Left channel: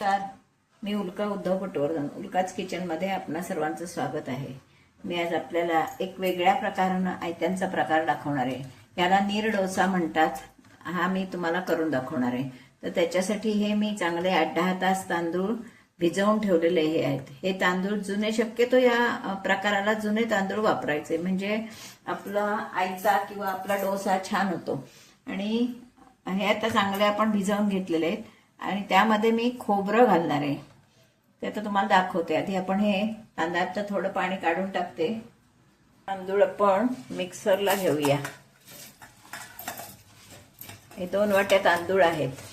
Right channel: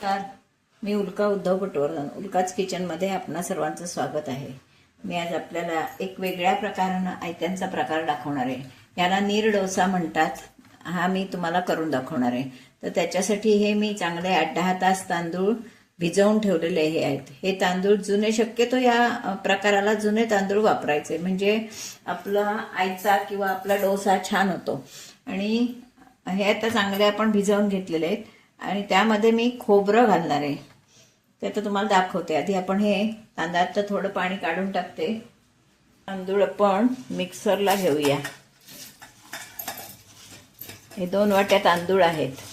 नमस्कार, मी उल्का उद्धव पटवर्धन. उल्काच किचनमध्ये आपणा सर्वांचं स्वागत आहे. मी आज आपल्याला एक वेगळ्या प्रकारानं आयत्यांचा प्रकार दाखवणार आहे. याला नीर डोसा म्हणतात. हा मी तुम्हाला करून दाखवणार आहे. तर त्याच्यासाठी हे मी चांगले 8-10 तास तांदूळ भिजवून ठेवलेले हे आहेत. हे तांदूळ जुने, शक्यतो या प्रकाराला जुने तांदूळ वापरायचे, म्हणजे आपला आयचा किंवा आपला डोसा छान होतो. आणि हे आता चांगले आपण भिजवून घेतलेले आहेत आणि त्यामध्ये मी खोबरं घालणार आहे. ते तर तुम्हाला दाखवते. आधी आपण हे तांदळाचं थोडं पाणी काढून टाकते. तांदूळ आपण मिक्सरला घेऊया. हे 2 वाट्या तांदूळ आहेत.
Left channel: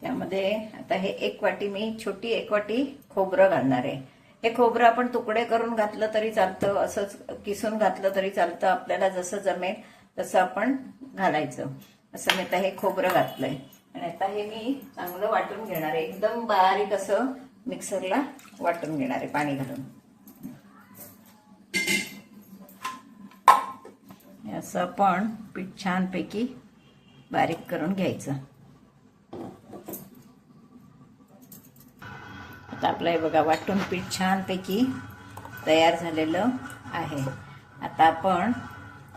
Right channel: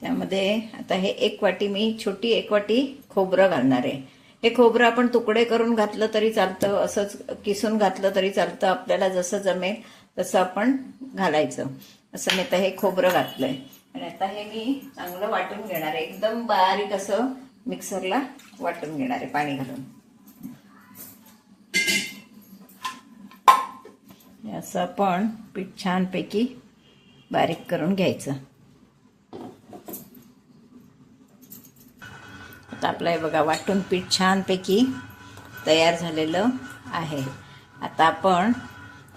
त्यामध्ये आता हे 1 वाटी, मी छोटी 1 वाटी खोबरं घालणार आहे. हे खोबरं आपण तुकडे करून घातलं तरी चालतं, असंच किसून घातलं तरी चालतं. आपल्याला जसं जमेल तसं आपण घालायचं. असं मी आता हे खोबरं घातलंय आणि आता हे मी चांगलं वाटून घेणार आहे. एकदम बारीक असं मिक्सरला वाटून घेणार आहे पाणी घालून. असं आपण पीठ छानपैकी बारीक करून घ्यायचं. आता आपलं हे बघा, वाटून पीठ छानपैकी तयार झालेलं आहे. आता आपण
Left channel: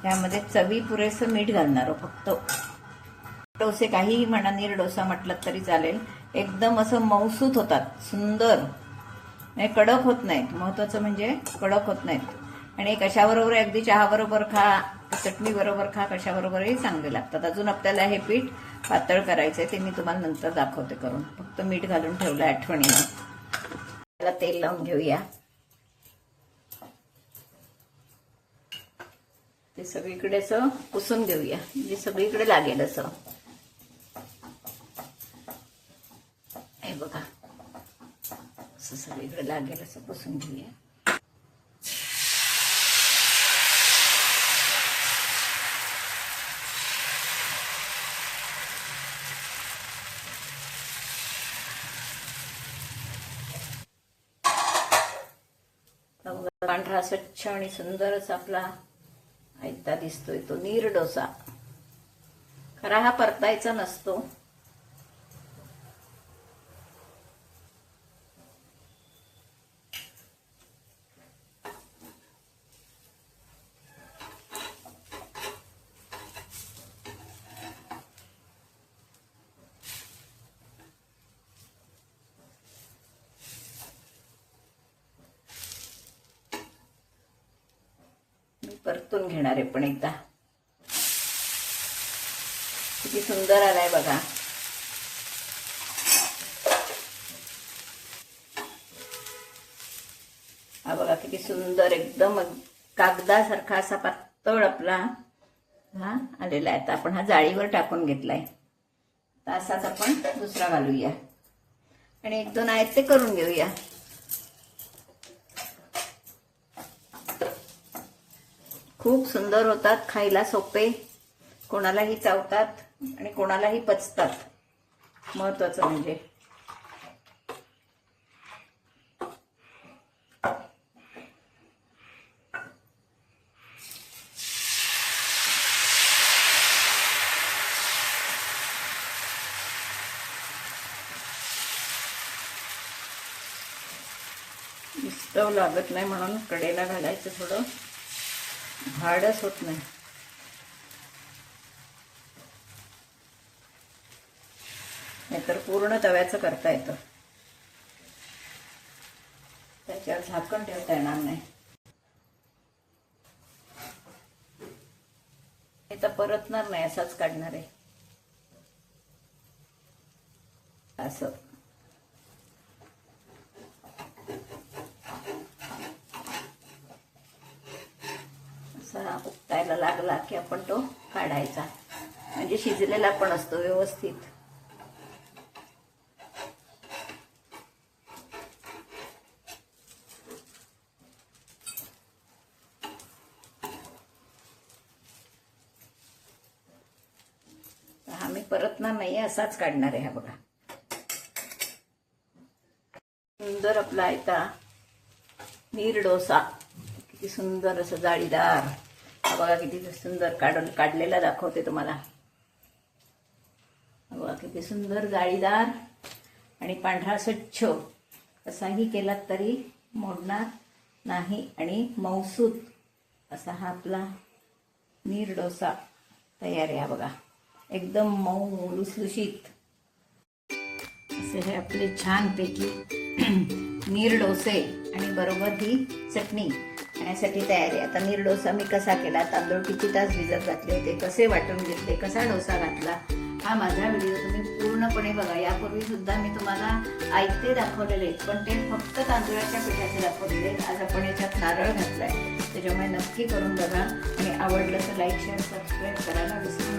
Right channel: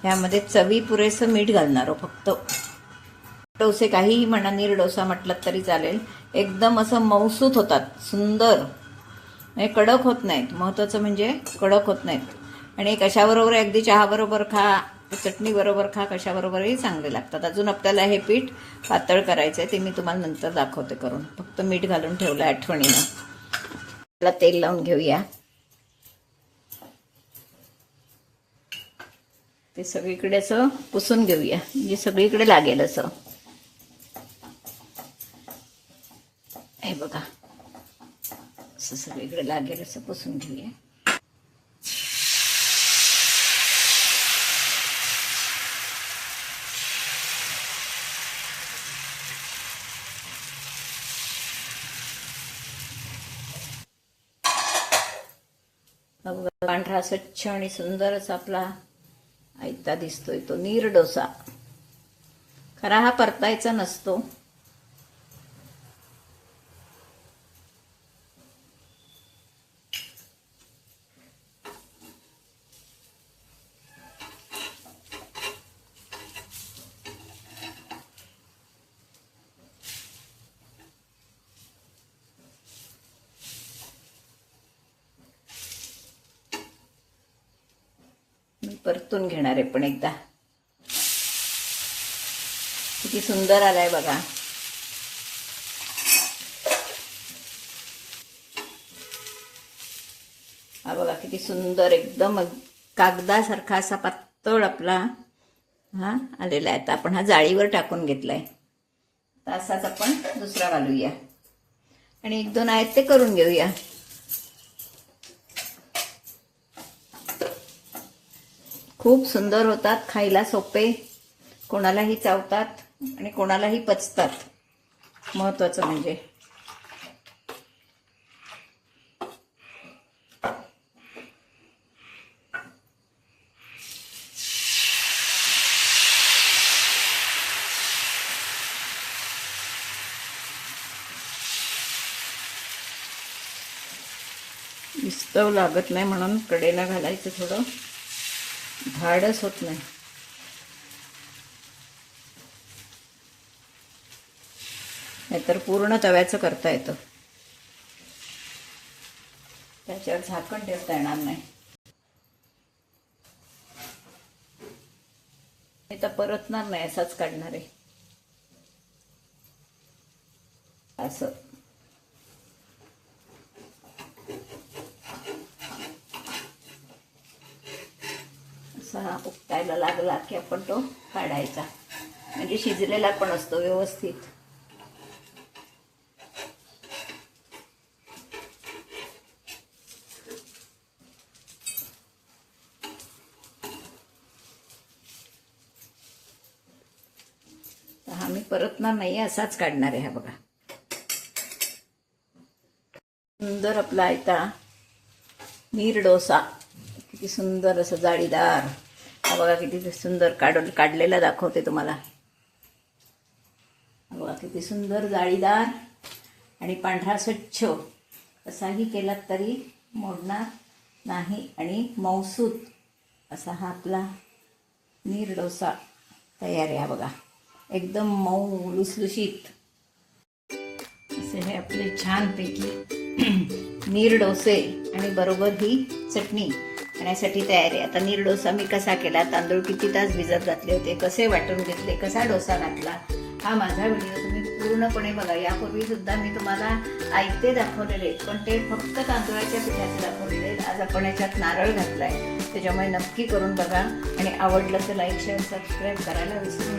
ह्यामध्ये चवी पुरेसं मीठ घालणार आहोत. फक्त डोसे काहीही म्हणा, नीर डोसा म्हटलं तरी चालेल. एकदम असं मऊसूत होतात, सुंदर, म्हणजे कडक होत नाहीत. महत्त्वाचं म्हणजे कडक होत नाहीत. आणि कशाबरोबर, अगदी चहाबरोबर खा, चटणी बरोबर खा, कशाबरोबरही चांगले लागतात. अजून आपल्याला हे पीठ पातळ करायचं आहे, ते मी तुम्हाला नंतर दाखवते करून. फक्त मीठ घालून ठेवलं आठवणीनं. त्याला तेल लावून घेऊया. ते सगळीकडे असं पुसून घेऊया, म्हणजे सगळीकडे लागेल असं. हे बघा, असं सगळीकडे लागेल असं पुसून घेऊया. पांढरा स्वच्छ आणि सुंदर असा आपला आयता दिसतोय तो नीर डोसा. खरा हा परतायचा नसतो. परतून घेणार आहे पण एकदा. किती सुंदर आलाय बघा. हा बघा किती सुंदर, एकदम कागदासारखा असा पातळ आपला हा आलेला आहे. आता आपण हा जाळीवर टाकून घेतलाय. असाच आपण दुसरा घालूया आणि 1-2 आहेत ते करून घेऊया. खूप सुंदर होतात, खायला सोपे, कोणालाही चावतात आणि कोणालाही पचतात. महत्वाचं म्हणजे विस्तव लागत नाही म्हणून कडेला घालायचं. थोडं धाडस होत नाही. नाहीतर पूर्ण तव्याचं करता येतं, त्याच्यावर झाकण ठेवता येणार नाही. हे तर परतणार नाही, असाच काढणार आहे. असं उकटायला लागला की आपण तो काढायचा, म्हणजे शिजलेला पण असतो व्यवस्थित. परतणार नाही, असाच काढणार आहे. हा बघा, सुंदर आपला आयता नीर डोसा, किती सुंदर असं जाळीदार. हा बघा किती सुंदर काढलेला दाखवते तुम्हाला. हा बघा किती सुंदर जाळीदार आणि पांढरा स्वच्छ. असाही केलात तरी मोडणार नाही आणि मऊसूत असा हा आपला नीर डोसा तयार आहे. हा बघा एकदम मऊ लुसलुशीत असे हे आपले छानपैकी नीर डोसे आणि बरोबर ही चटणी खाण्यासाठी तयार आहे. आता नीर डोसा मी कसा केला, तांदूळ किती तास भिजत घातले होते, कसे वाटून घेतले, कसा डोसा घातला, हा माझा व्हिडिओ तुम्ही पूर्णपणे बघा. यापूर्वी सुद्धा मी तुम्हाला आयते दाखवलेले, पण ते फक्त तांदळाच्या पिठाचे दाखवलेले. आज आपण याच्यात नारळ घातलाय, त्याच्यामुळे नक्की करून बघा आणि आवडलं तर लाईक शेअर सबस्क्राईब करायला विसरू